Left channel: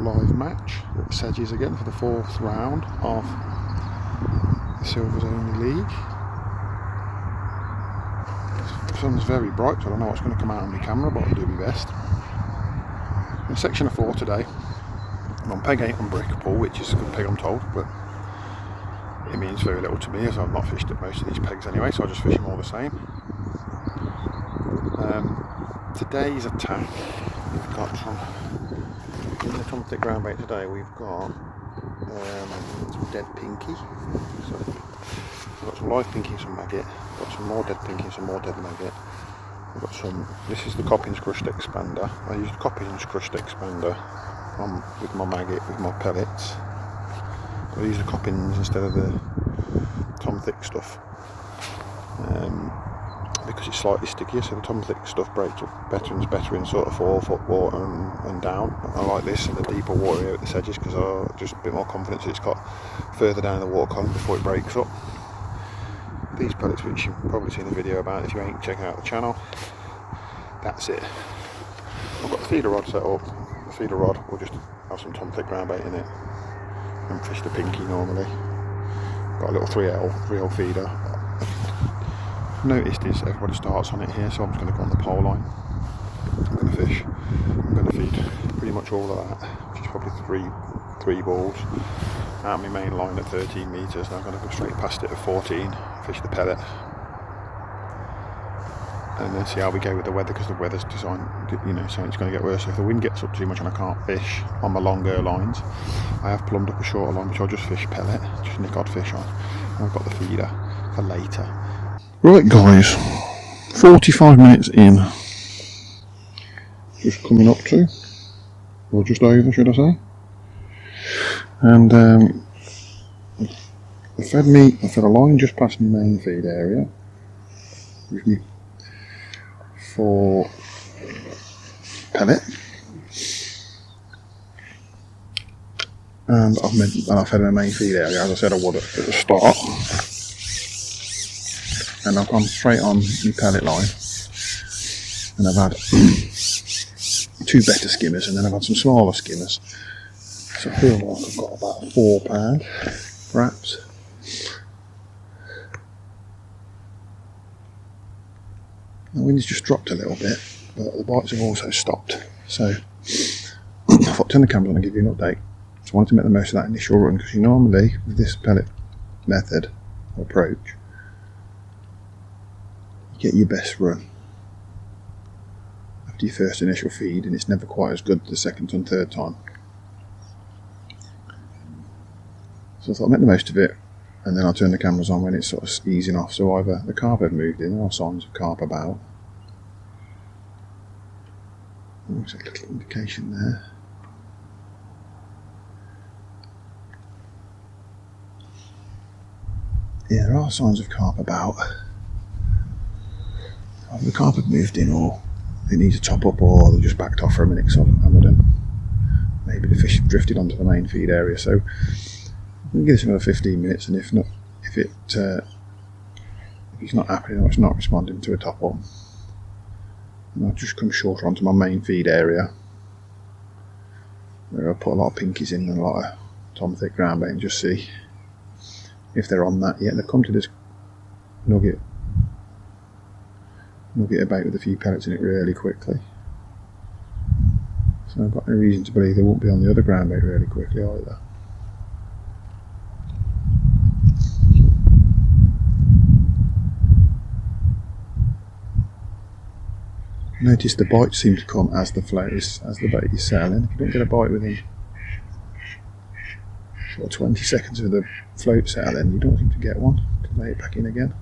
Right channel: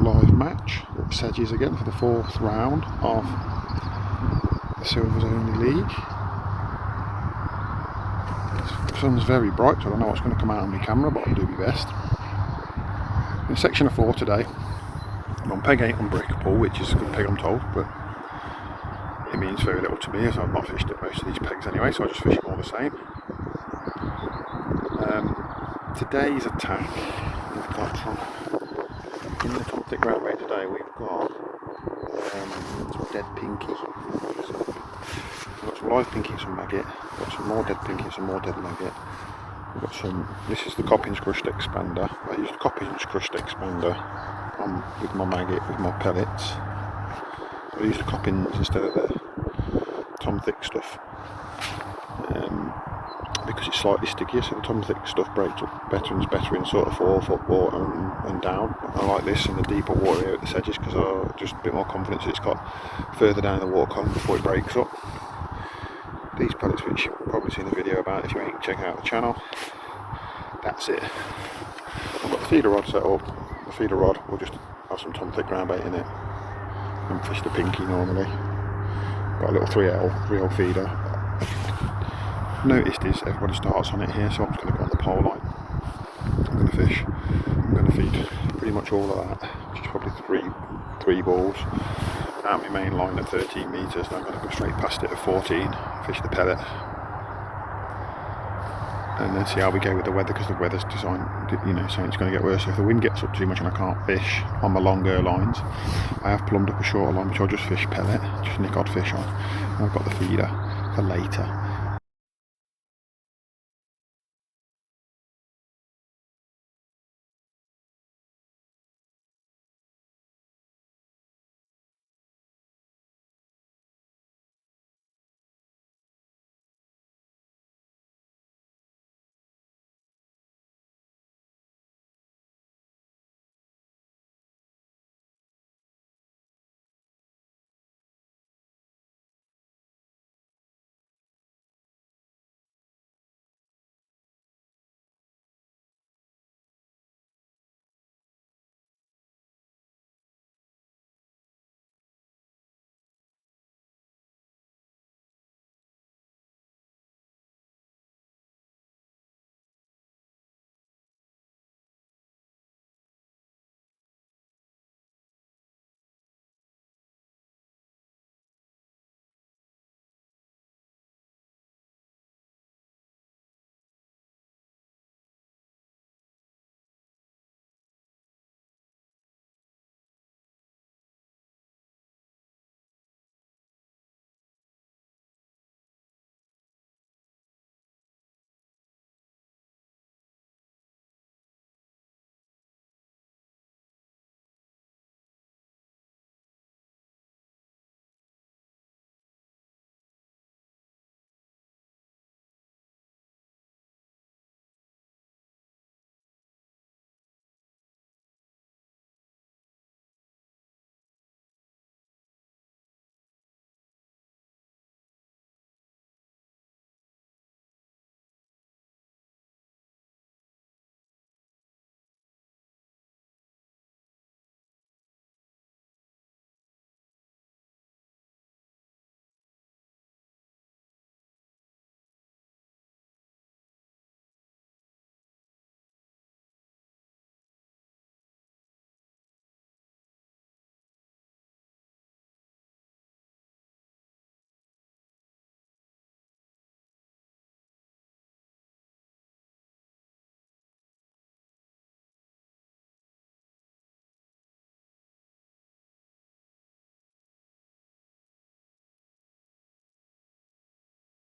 live match at SEDGES again for the 4th round of the Silvers Only League. The sun's very bright, so I don't know what's going to come out on my camera, but I'll do my best. In section of 4 today, I'm on peg 8 on brick pull, which is a good peg I'm told, but it means very little to me as I've not fished at most of these pegs anyway, so I just fish them all the same. Today's attack, we've got from in the conflict ground bait today, we've got some dead pinky. So we've got some live pinky and some maggot, we've got some more dead pinky and some more dead maggot. We've got some, this is the Coppins crushed expander. I used the Coppins crushed expander with my maggot, with my pellets. I used the Coppins instead of the Tom Thick stuff. Because it's slightly stickier, so the Tom Thick stuff breaks up better and is better in sort of 4 foot water and down. I like this in the deeper water here at the SEDGES because I just a bit more confidence that it's got further down the water column before it breaks up. These pellets, which you've probably seen the video about if you ain't checking out the channel, that's it. I've got the feeder rod set up. The feeder rod will just have some Tom Thick ground bait in it and fish the pinky normally. Got a little 3L feeder. Noticed is everybody starts on it here, so I'm just going to go on the pole line. I'm going to feed pretty much all of that, which is probably three balls out my main line at 13 metres. Now I'm going to go straight past it at 14, fish the pellet, and then see how we go with the weather, because the weather's designed, you know, saying it's going to get worse. So if the wind gets up too much and I can't fish on my longer lines, I have plumbed up a shorter line which I'll just fish pellet, just nick odd fish on. And I've got the feeder for later. Right guys, 45 minutes in, just coming up to, or just over should I say, and I fed a line just past my main feed area with me for pellet, and I fed my main feed area as I said I would at the start. And I've gone straight on my pellet line, and I've had 2 better skimmers, and then I've had some smaller skimmers, so I feel like I've got about 4 pound perhaps. The wind's just dropped a little bit, but the bites have also stopped, so I thought I'd turn the camera on and give you an update. So I wanted to make the most of that initial run, because you normally with this pellet method or approach, get your best run after your first initial feed, and it's never quite as good the second and third time. So I thought I'd make the most of it, and then I'll turn the cameras on when it's sort of easing off. So either the carp have moved in, there are signs of carp about. There's a little indication there. Yeah, there are signs of carp about. Either the carp have moved in, or they need to top up, or they're just backed off for a minute because I've hammered them. Maybe the fish have drifted onto the main feed area, so I'm going to give this another 15 minutes, and if he's not happening or it's not responding to a top up, then I'll just come shorter onto my main feed area, where I'll put a lot of pinkies in and a lot of Tom Thick ground bait and just see if they're on that yet. They've come to this nugget of bait with a few pellets in it really quickly, so I've got no reason to believe they won't be on the other ground bait really quickly either. Notice the bites seem to come as the bait is settling. If you don't get a bite within sort of 20 seconds of the float settling, you don't seem to get one to lay it back in again.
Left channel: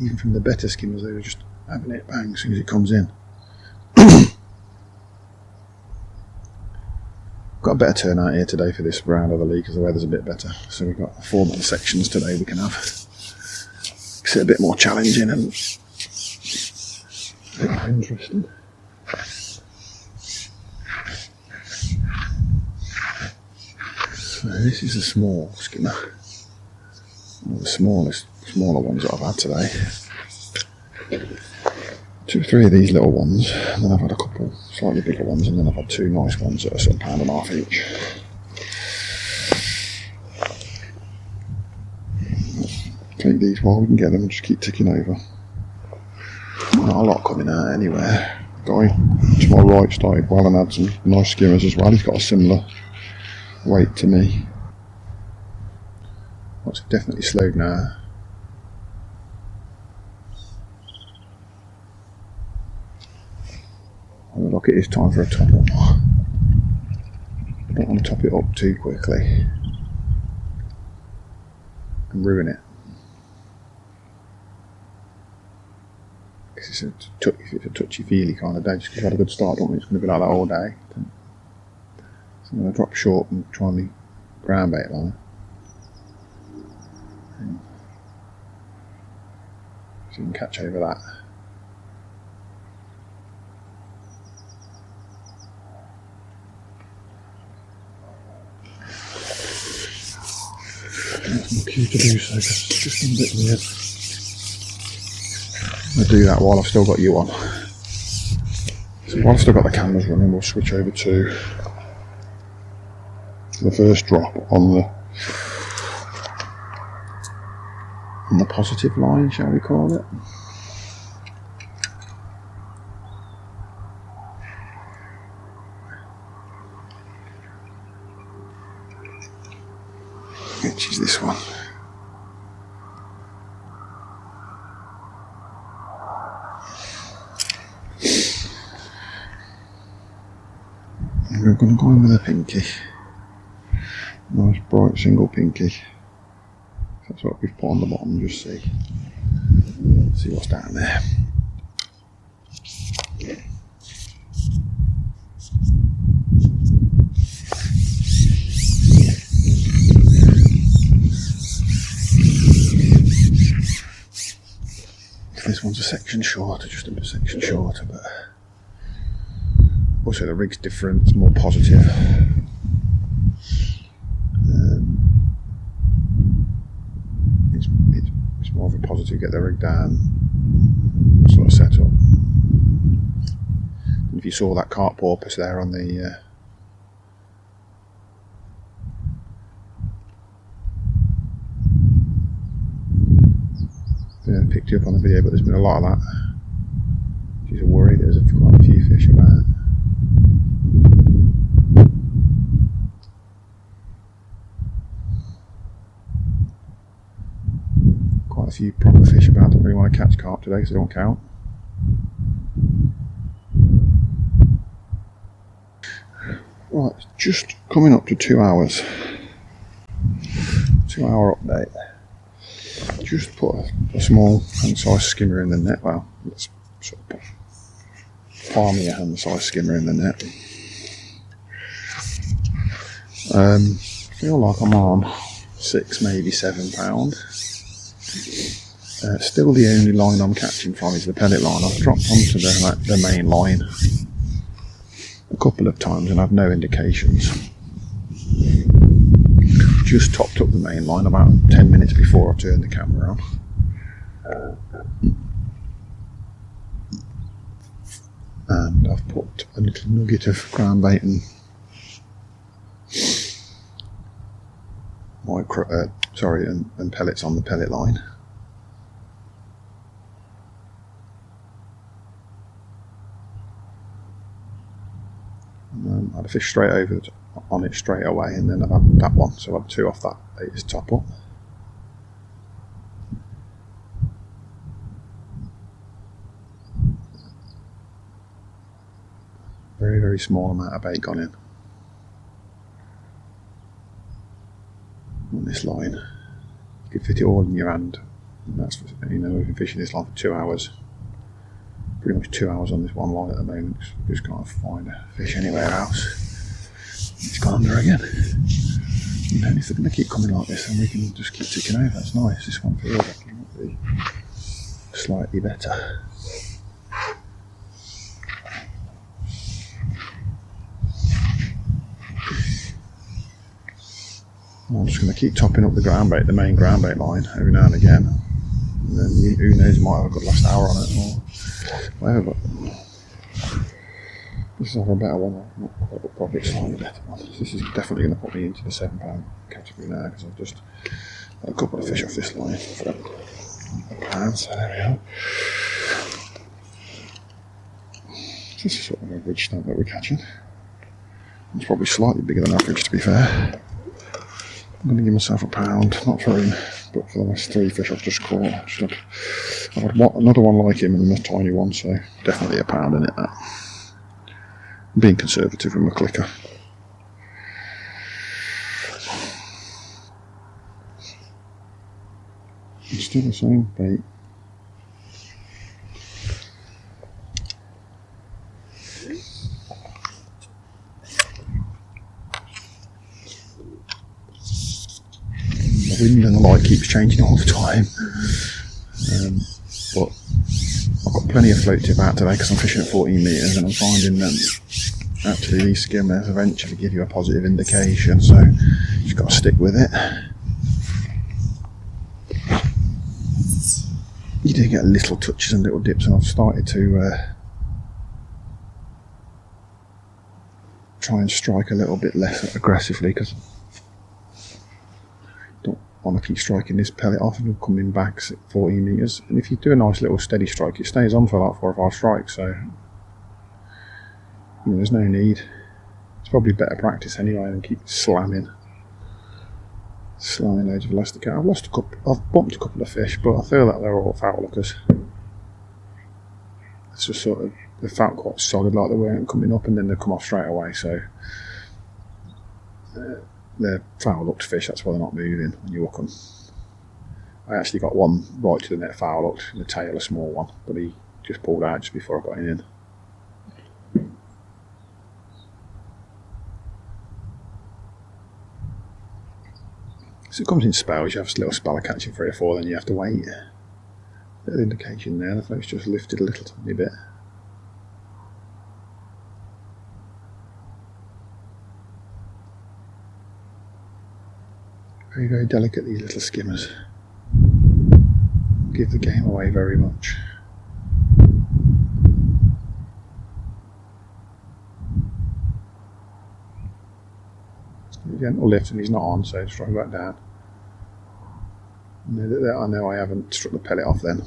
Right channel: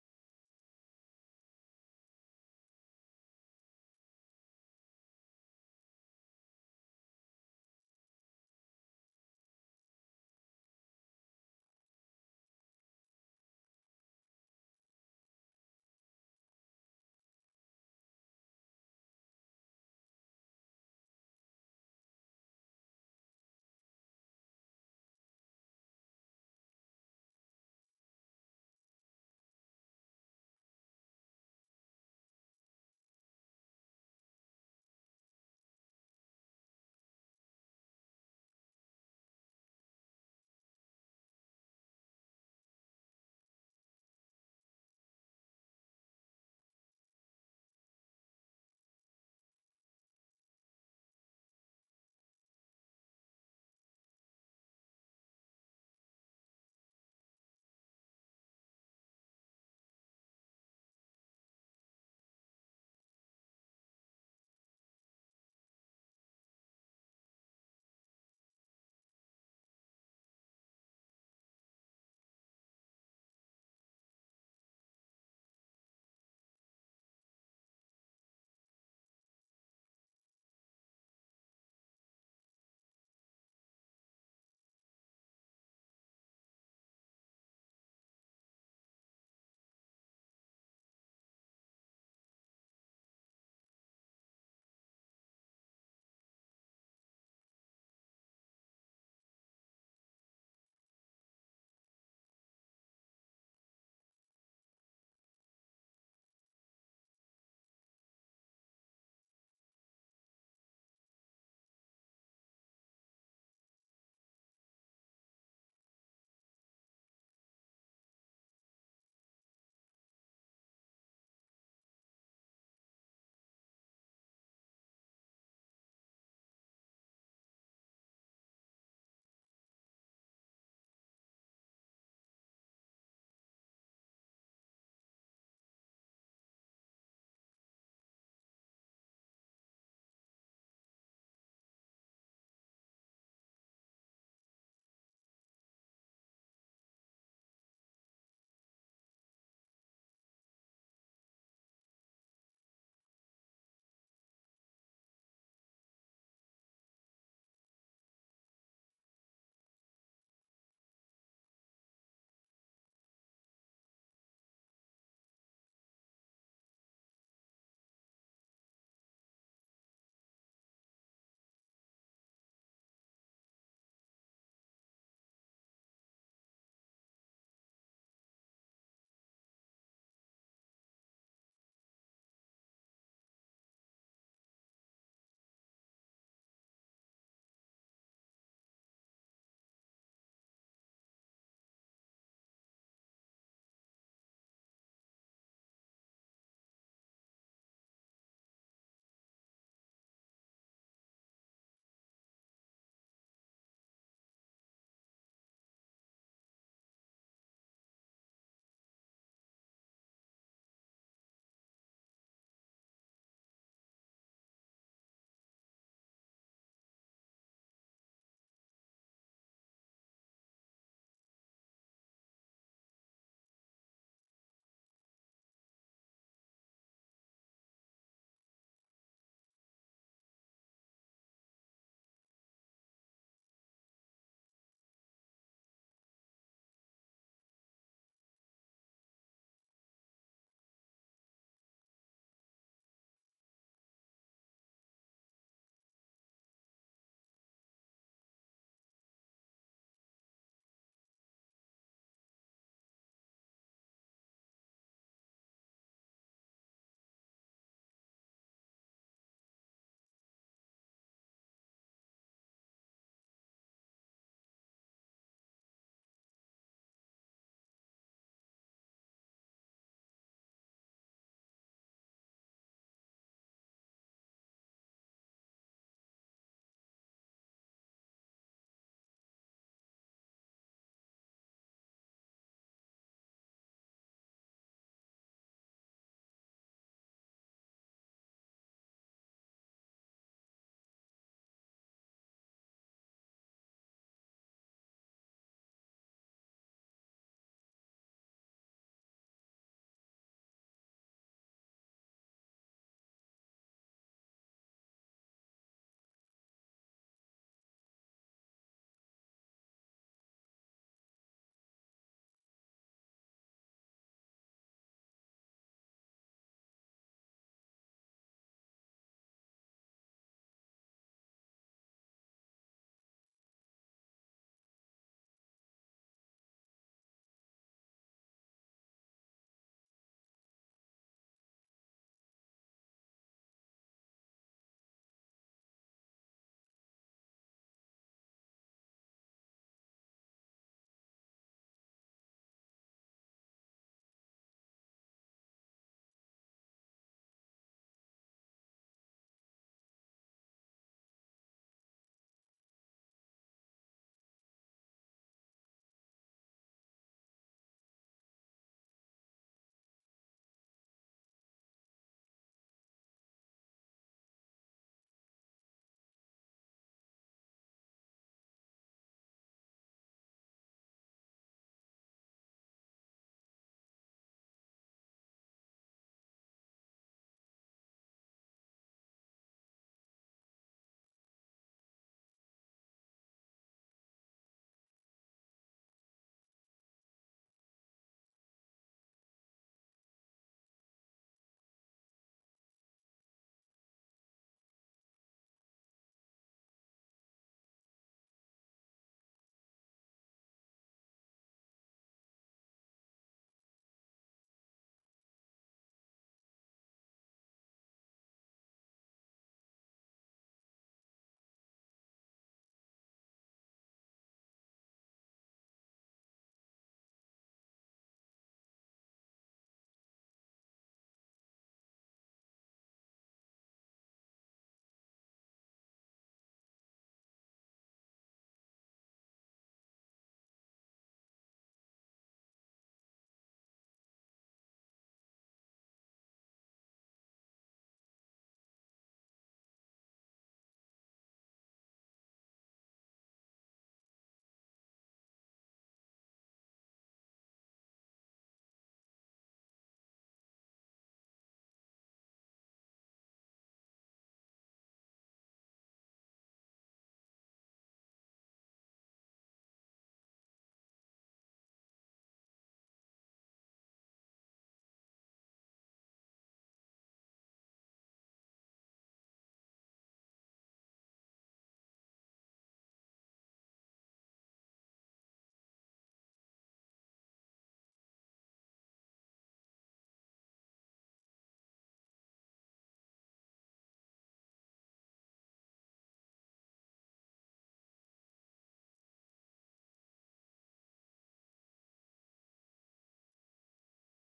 Even from the better skimmers, they were just having it bang as soon as it comes in. Got a better turnout here today for this round of the league because the weather's a bit better. So we've got 4 more sections today we can have. Makes it a bit more challenging and a bit more interesting. So this is a small skimmer. One of the smaller ones that I've had today. 2 or 3 of these little ones, and then I've had a couple slightly bigger ones, and then I've had 2 nice ones that are sort of £1.50 each. Take these while we can get them and just keep ticking over. Not a lot coming out anywhere. Guy to my right started well and had some nice skimmers as well. He's got a similar weight to me. It's definitely slowed now. Look, it is time for a top up. I don't want to top it up too quickly and ruin it. Because it's a touchy-feely kind of day. Just because you've had a good start, don't think it's going to be like that all day. So I'm going to drop short and try on the ground bait line. So you can catch over that. It's not cute to do so, because it's just a bit weird. I'm going to do that while I've still got you on. So while I've still got the cameras running, we'll switch over to the first drop on the positive line, shall we call it. Which is this one. And we're going to go in with a pinky. Nice bright single pinky. That's what we've put on the bottom, just see what's down there. This one's a section shorter, just a bit section shorter, but also the rig's different, it's more positive. It's more of a positive, get the rig down, sort of set up. And if you saw that carp porpoise there on the picked you up on the video, but there's been a lot of that, which is a worry. There's quite a few fish about. Quite a few proper fish about. Don't really want to catch carp today because they don't count. Right, it's just coming up to 2 hours. 2 hour update. Just put a small hand-sized skimmer in the net. Well, let's sort of palm your hand-sized skimmer in the net. Feel like I'm on 6, maybe £7. Still the only line I'm catching from is the pellet line. I've dropped onto the main line a couple of times and I've no indications. Just topped up the main line about 10 minutes before I turned the camera on. And I've put a little nugget of ground bait and and pellets on the pellet line. I had a fish straight over on it straight away, and then I've had that one, so I've had 2 off that latest top up. Very, very small amount of bait gone in on this line. You could fit it all in your hand. And that's, we've been fishing this line for 2 hours. Pretty much 2 hours on this one line at the moment. Just can't find a fish anywhere else. It's gone under again. You know, if they're going to keep coming like this, then we can just keep ticking over. That's nice. This one feels like it might be slightly better. I'm just going to keep topping up the ground bait, the main ground bait line, every now and again. And then who knows, might have a good last hour on it. Or Well, this is a better one, not probably a slightly better one. This is definitely going to put me into the £7 category now, because I've just got a couple of fish off this line for £1, so there we are. This is sort of an average stamp that we're catching. It's probably slightly bigger than average, to be fair. I'm going to give myself £1, not for him, but for the last 3 fish I've just caught. I've had another one like him and a tiny one, so definitely £1 in it, that. I'm being conservative with my clicker. It's still the same bait. The wind and the light keeps changing all the time, but I've got plenty of float tip out today because I'm fishing at 14 metres, and I'm finding that actually these skimmers eventually give you a positive indication, so you just got to stick with it. You do get little touches and little dips, and I've started to try and strike a little bit less aggressively, because I want to keep striking this pellet off and coming back 14 metres, and if you do a nice little steady strike, it stays on for like 4 or 5 strikes, so you know, there's no need. It's probably better practice anyway than keep slamming loads of elastic out. I've bumped a couple of fish, but I feel that they're all foul lookers. It's just sort of, they felt quite solid, like they weren't coming up and then they come off straight away, so they're foul looked fish, that's why they're not moving when you hook them. I actually got one right to the net foul looked in the tail, a small one, but he just pulled out just before I got him in. So it comes in spells. You have a little spell of catching 3 or 4, then you have to wait. Little indication there, the float's just lifted a little tiny bit. Very, very delicate, these little skimmers. Give the game away very much. Gentle lift and he's not on, so just drop back down. I know I haven't struck the pellet off then.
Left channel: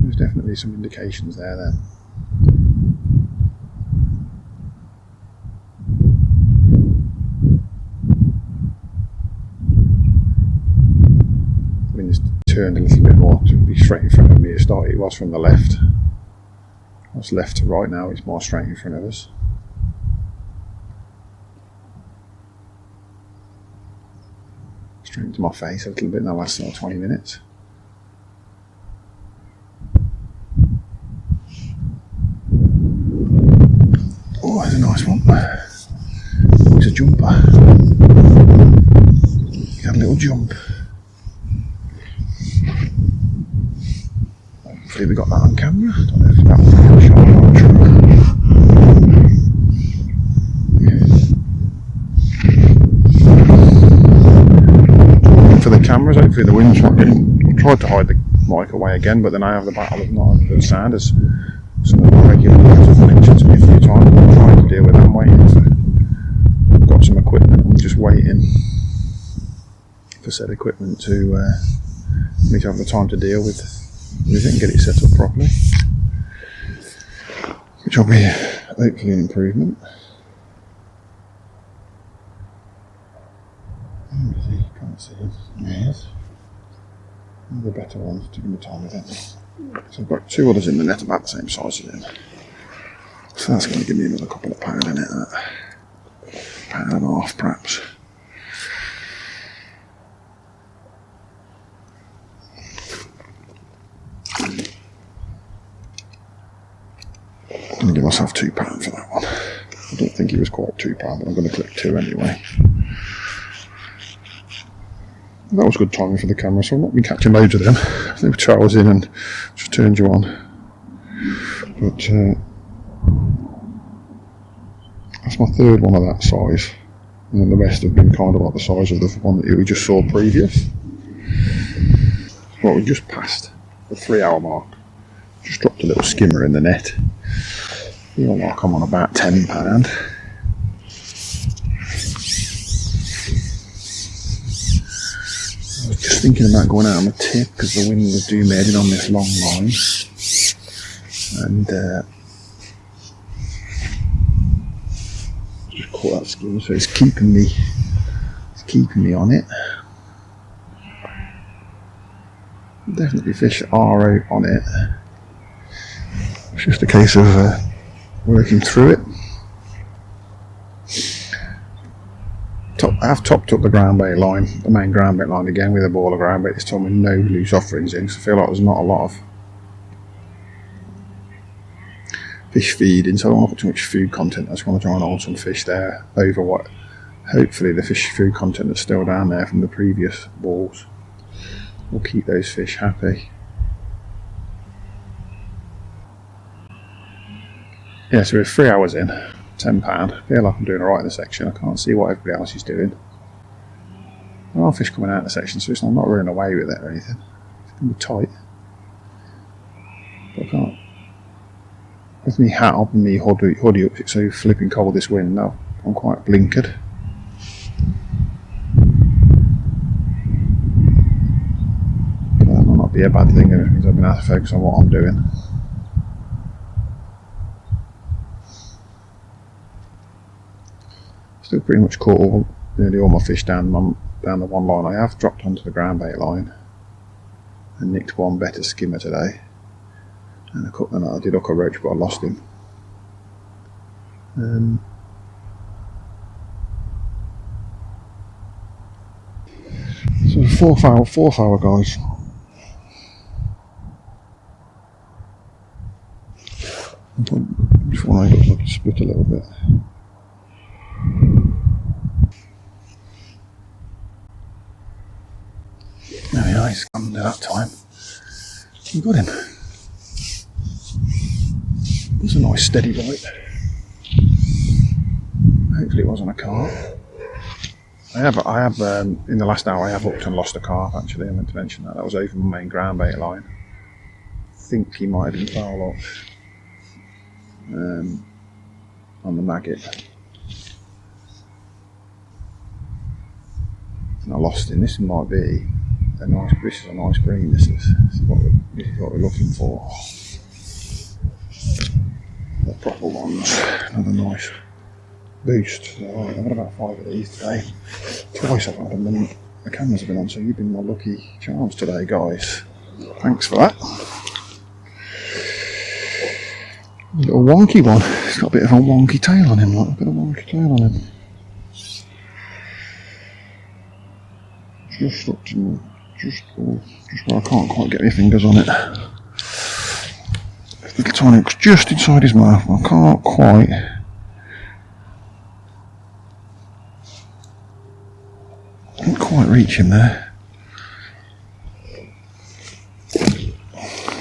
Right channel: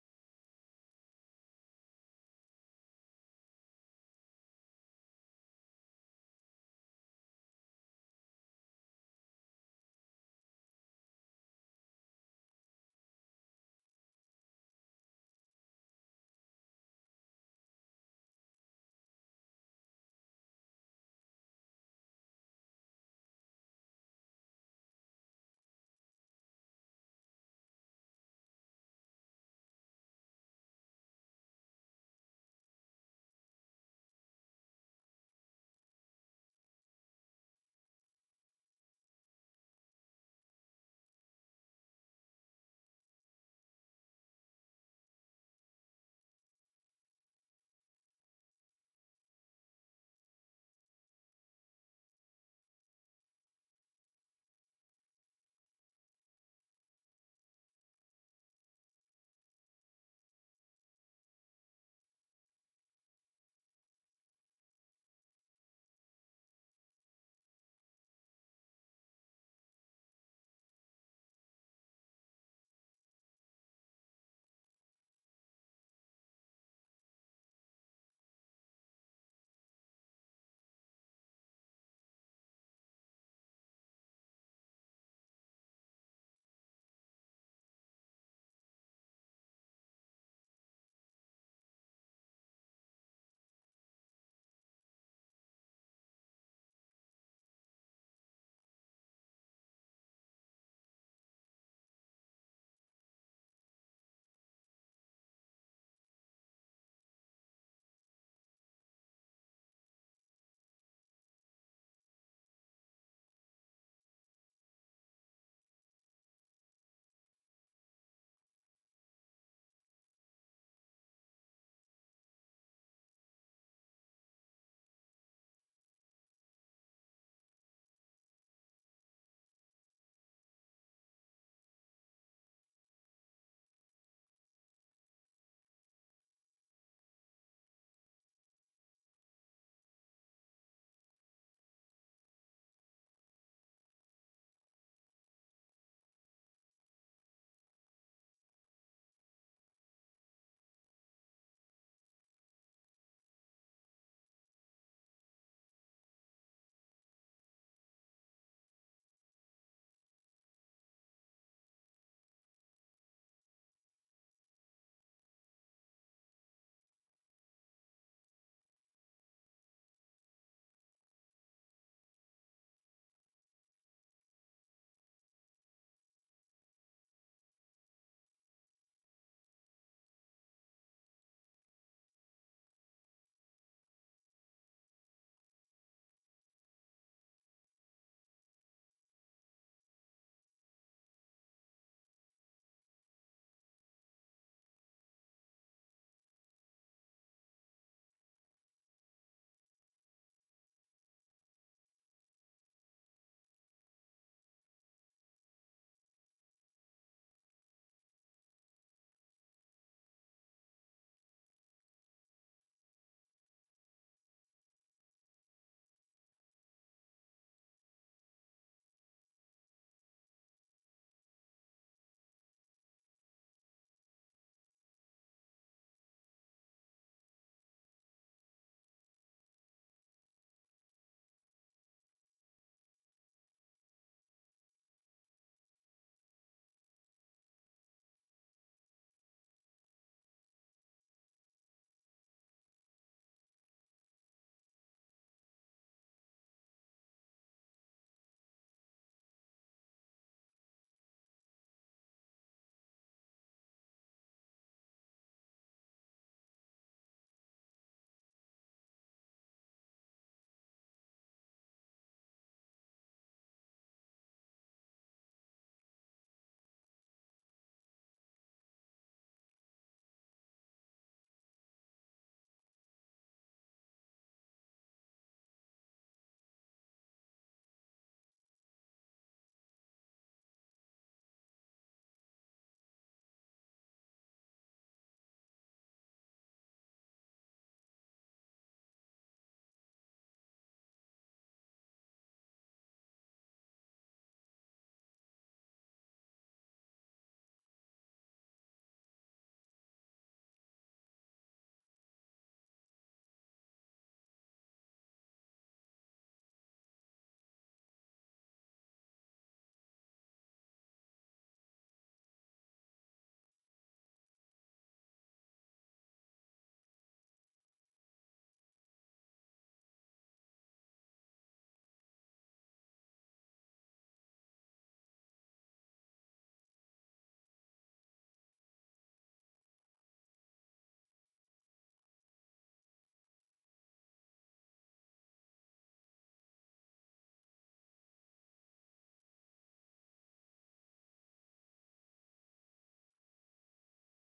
There's definitely some indications there then. I mean, it's turned a little bit more to be straight in front of me. It was from the left. It was left to right, now it's more straight in front of us. Straight into my face a little bit in the last 20 minutes. Oh, that's a nice one. It's a jumper. You got a little jump. Hopefully we got that on camera. I don't know if that will be shot on camera. For the cameras, hopefully the wind's not getting. I tried to hide the mic away again, but then I have the battle of not having good sound, as some of my regular viewers have mentioned to me a few times. I'm trying to deal with that. I'm waiting. So I've got some equipment. I'm just waiting for said equipment to me to have the time to deal with it and get it set up properly, which will be hopefully an improvement. Can't see him. Yes. One of the better ones to give me time with it. So I've got 2 others in the net about the same size as him. So that's going to give me another couple of pound in it. £1.5 perhaps. I'm going to give myself £2 for that one. I don't think he was quite £2, but I'm going to click 2 anyway. That was good timing for the camera, so I've not been catching loads of them. They were 2 hours in and just turned you on. But that's my 3rd one of that size. And then the rest have been kind of like the size of the one that we just saw previous. Well, we just passed the 3 hour mark. Just dropped a little skimmer in the net. Feel like I'm on about £10. I was just thinking about going out on a tip because the wind was doom heading on this long line, and just caught that skim, so it's keeping me on it. Definitely fish are out on it. It's just a case of working through it. I have topped up the ground bait line, the main ground bait line again with a ball of ground bait this time with no loose offerings in, so I feel like there's not a lot of fish feeding, so I don't want to put too much food content. I just want to try and hold some fish there over what hopefully the fish food content that's still down there from the previous balls will keep those fish happy. Yeah, so we're 3 hours in, £10. I feel like I'm doing alright in the section. I can't see what everybody else is doing. There are fish coming out of the section, so I'm not running away with it or anything. It's going to be tight. But I can't. With me hat up and me hoodie up, it's so flipping cold this wind. No, I'm quite blinkered. But that might not be a bad thing, it means I've been able to focus on what I'm doing. Still pretty much caught nearly all my fish down the one line. I have dropped onto the ground bait line and nicked one better skimmer today, and I did hook a roach, but I lost him. So fourth hour guys. Just want to look like it split a little bit. There we are, he's come to that time. You got him. It's a nice steady bite. Hopefully it wasn't a carp. I have in the last hour I have hooked and lost a carp actually. I meant to mention that. That was over my main ground bait line. I think he might have been foul up on the maggot. And I lost him. This might be a nice. This is a nice green. This is what we're looking for. The proper ones. Another nice boost. So I've had about 5 of these today. Twice I've had them, and the cameras have been on. So you've been my lucky charms today, guys. Thanks for that. A little wonky one. He's got a bit of a wonky tail on him. Like a bit of a wonky tail on him. Just up to just where I can't quite get my fingers on it. The tiny hook's just inside his mouth. I can't quite reach him there.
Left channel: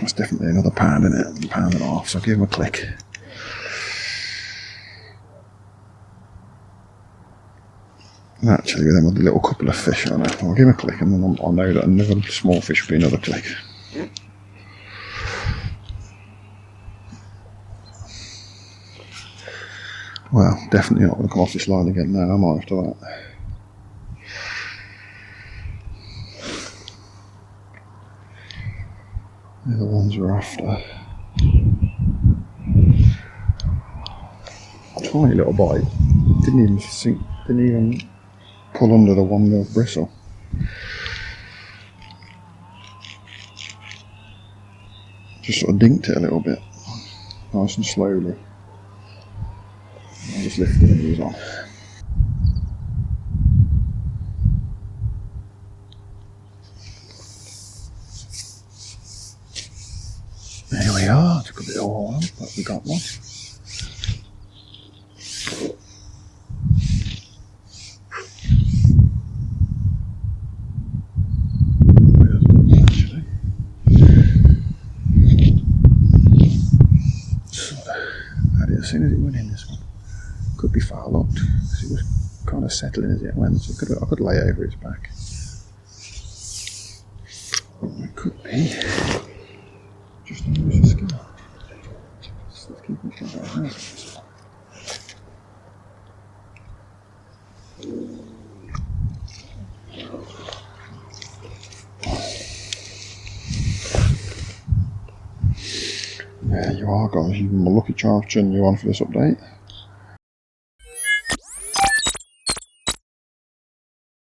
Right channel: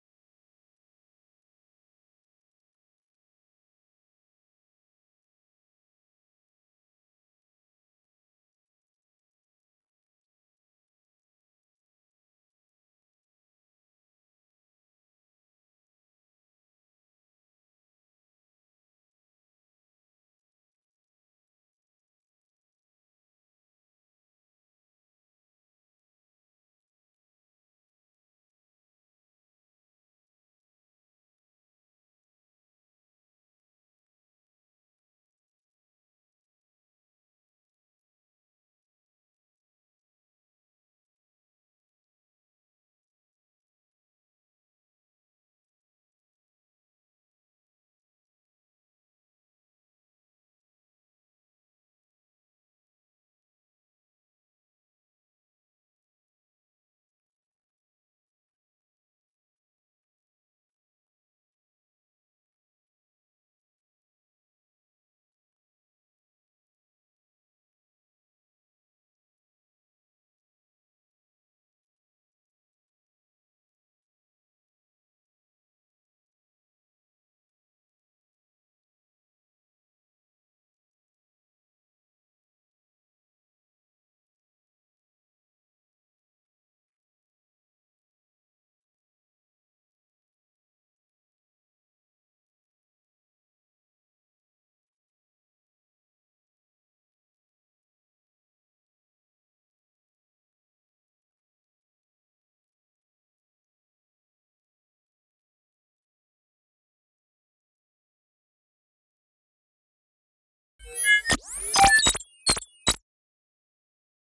That's definitely another pound in it, £1.5 pounds, so I'll give him a click. Actually, with them with a little couple of fish on it, I'll give him a click and then I'll know that another small fish will be another click. Well, definitely not going to come off this line again now, am I, after that? They're the ones we're after. Tiny little bite. Didn't even pull under the 1 mil bristle. Just sort of dinked it a little bit, nice and slowly. I just lifted it and he was on. There we are, took a bit of oil, but we got one. As soon as it went in, this one could be far locked because it was kind of settling as it went, so I could lay over its back. It could be. There you are, guys. You've been my lucky charms turning you on for this update.